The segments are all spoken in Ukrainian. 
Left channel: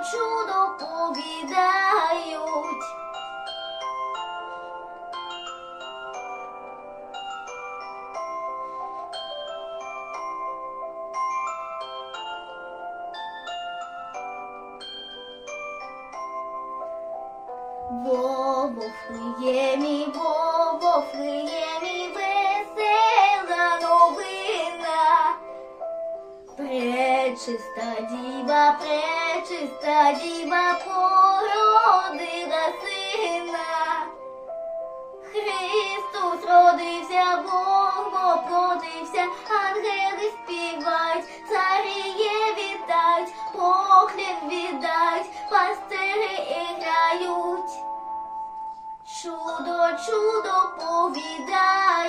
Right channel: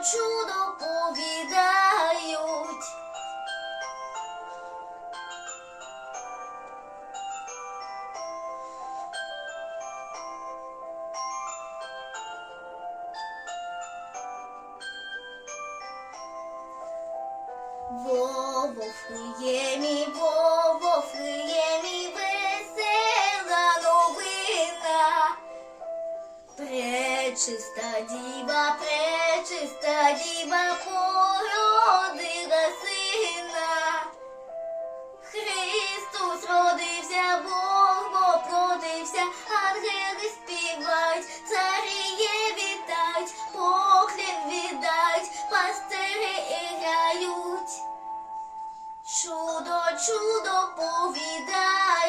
Чудо, чудо повідають. Во Вифлеємі, во Вифлеємі весела новина. Пречиста діва, пречиста діва породила сина. Христос родився, Бог воплотився, ангели співають, царіє вітать, поклін віддать, пастири грають. Чудо, чудо повідають.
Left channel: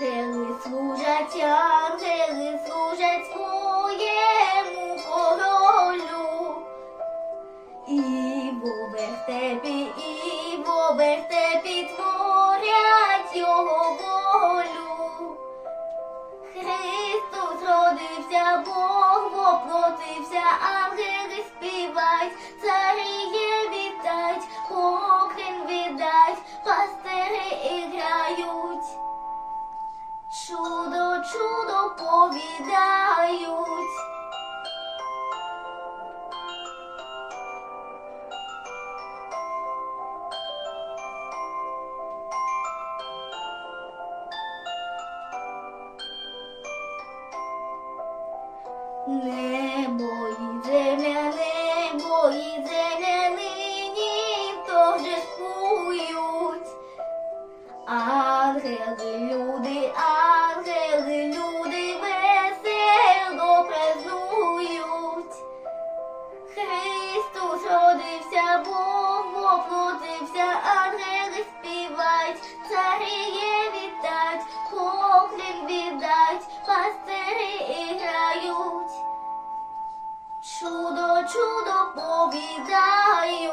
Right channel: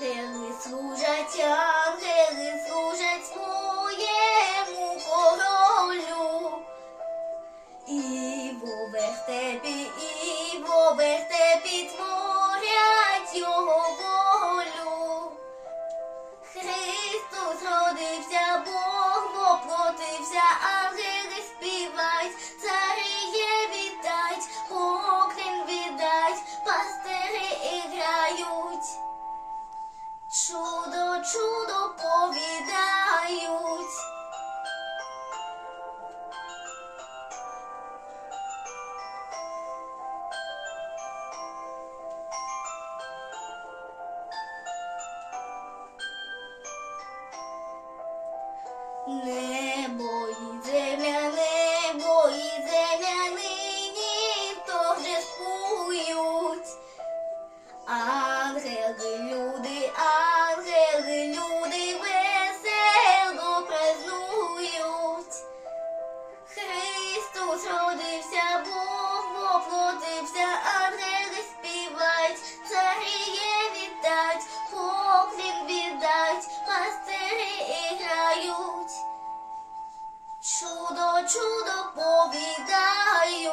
Ангели служать, ангели служать своєму королю. І в вертепі, і в вертепі творять його волю. Христос родився, Бог воплотився, ангели співать, царіє вітать, поклін віддать, пастири грають. Чудо, чудо повідають. Небо і земля, Бог воплотився, ангели співають, царіє вітать, поклін віддать, пастири грають. Чудо, чудо повідають.